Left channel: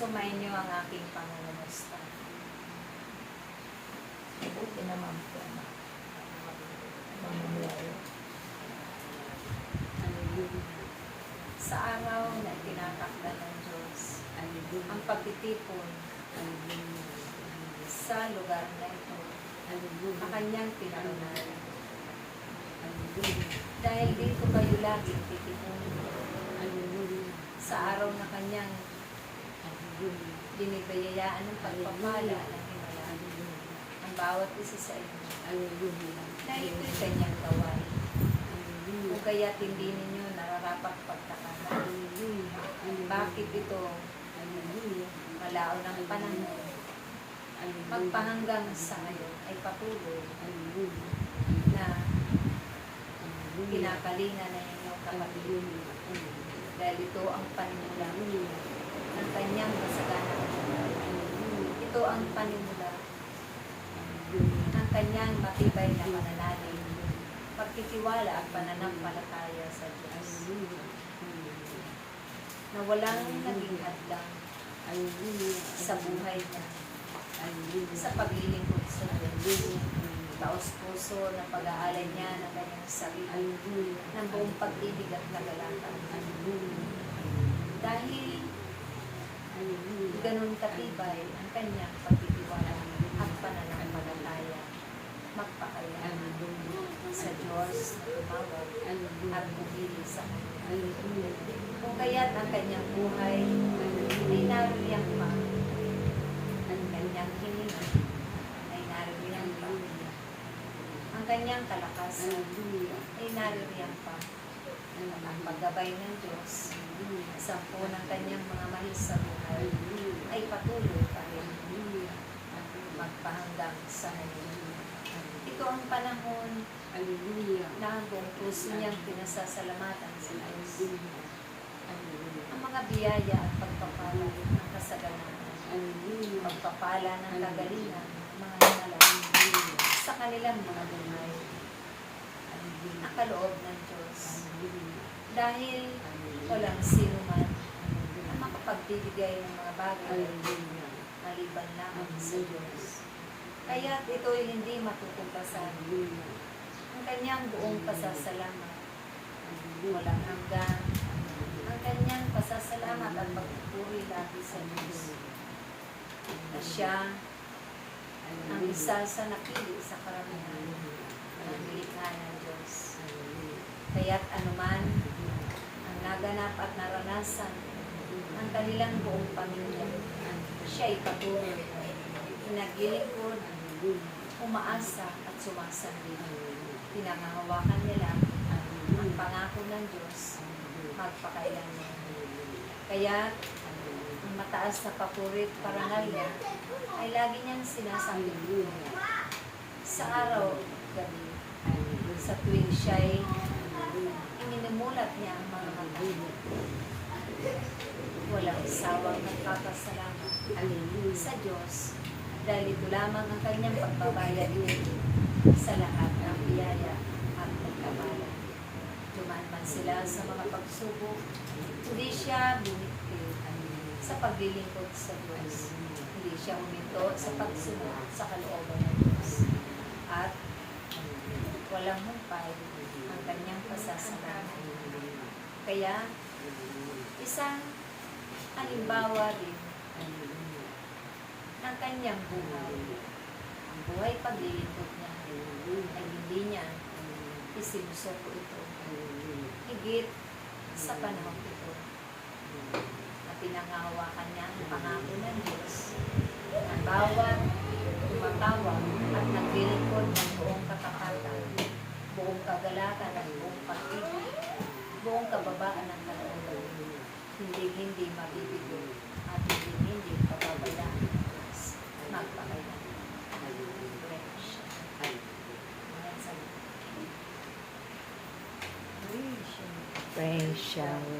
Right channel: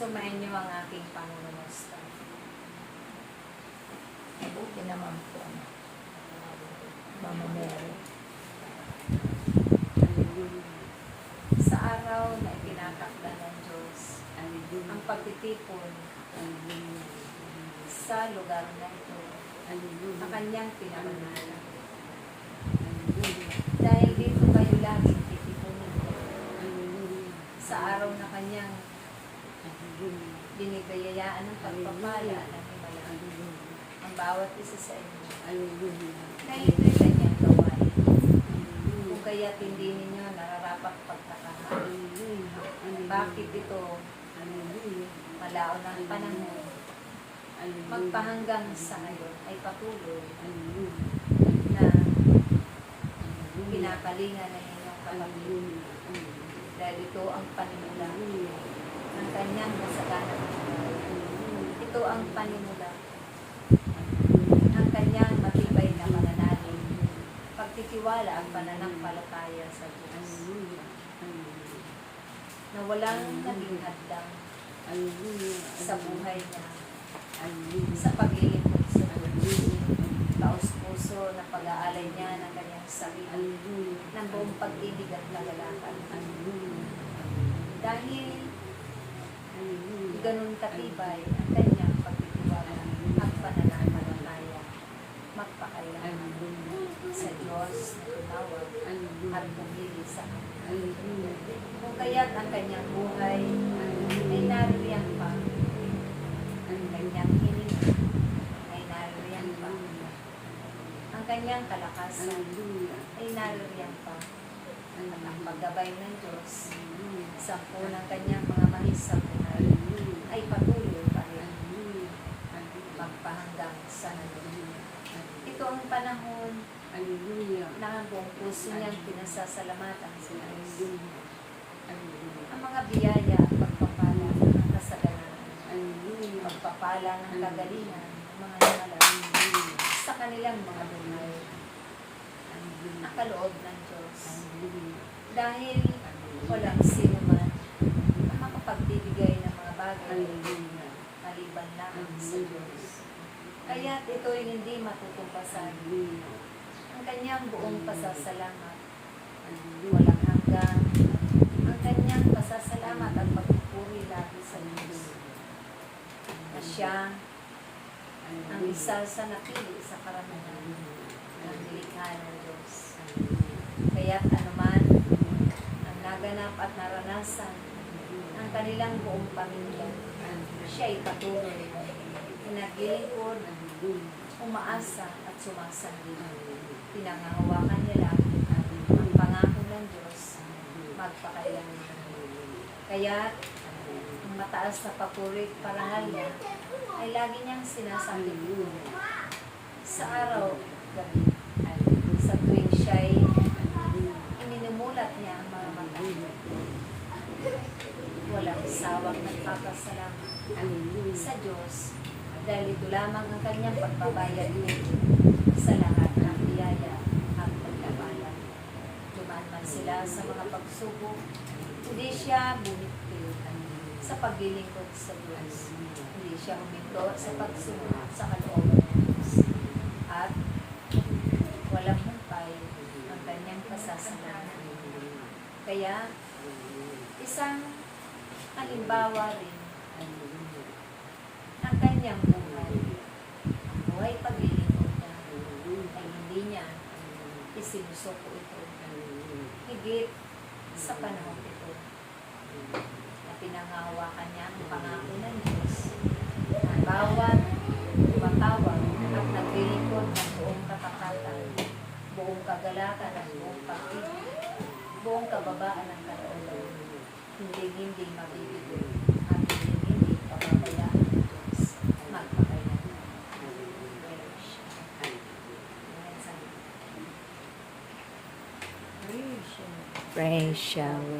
Sumayin niyo ang aking pangungumusta. Mabuti naman po. Mamamuri. Sa araw na itinatakda ng Diyos, ang pagtitipon sa lugar na ito, ang kanyang pinarunan. Dahil dito kayo laging titipunin. Sa araw na kanyang binibayayaan ng pagpapala ng himala, ang bawat isa sa inyo, na ito'y kanyang gawain. Kung kaya't hindi ninyo nararapat pagtaka, bakit ito malaon ng panahon, magpahanggang sa ngayon ay patuloy na kinakalingan ng inyong kapatid. Dahil ito ang panimula ng kanyang masaganang buhay. Ito ang panimula ng kanyang matibay na pananalig, pagtitiwala at pananampalataya sa Diyos, na walang naging hadlang sa buhay niya, sa paglilingkod sa Diyos, taos-puso na pag-aalay niya ng kanyang sarili, ng buong pag-ibig at nagalatan. Dahil ganun katibay ang kanyang pagtitiwala at pananampalataya, magpakailangan sa Diyos na tumawag at pumili sa kanya. Kung kaya't ang kanyang buhay ay naririyan pa, ang kanyang hininga ay naririyan pa, ang kanyang kalakasan ay naririyan pa, at ang paggabay ng Diyos sa ng kanyang mga mahis sa buhay ay patuloy pa rin magpahanggang sa ngayon. Ito ang panahon na ang buong puso niyang pinasasalamatan sa Diyos. Ang mga biyaya at pagpapala ng kasaganahan, pagpapala ng kagalingan ng mga himala sa kanilang mga buhay, ang kaloob ng Diyos. Dahil walang sino man na makapagbibigay ng mga bagay maliban lamang sa Diyos. Kaya ito'y hindi matutumpasan. Ang kanyang buong pasasalamat, walang hanggan, ang kanyang pasasalamat at pagpupuri lagi sa Diyos. Na siya ang isa sa napili sa karamihan ng nilikha ng Diyos. Kaya't anuman ang naganap at naranasan ang kanilang buong pamilya, siya'y patuloy, pinaglilingkod, umaasa at sumasabi. Pinangahawakan nila ang pangako ng Diyos magpakailanman. Kaya't ang mataas na papurit parangal niya ay lagi niyang sinasabi sa araw, gabi, sa tuwing siya'y ininumulat niya ang mga mata. Walang sawang nagpapasalamat sa Diyos dahil ito lamang ang kanyang pagbabayad sa lahat ng biyaya at pagkabala. Dumaan man sila sa mga pagsubok, hindi siya bumitiw sa paglilingkod sa Diyos. Hindi siya huminto sa pagsunod sa kalooban ng Diyos. At walang humpay ang kanyang pasasalamat. Kaya, isang halimbawa rin ng kanyang buhay. Ang buhay paglilingkod niya ay hindi niya isinusuko ito. Higit sa panahon ito na pinangahawakan niya ang pangako ng Diyos. Ang bawat tumatawag at naglilingkod ng buong katapatan, buong kagalakan at buong pag-ibig, buong kababaan ng kalooban, hindi mabibigo at hindi pababayaan ng Diyos magpakailanman. Praise Yahweh.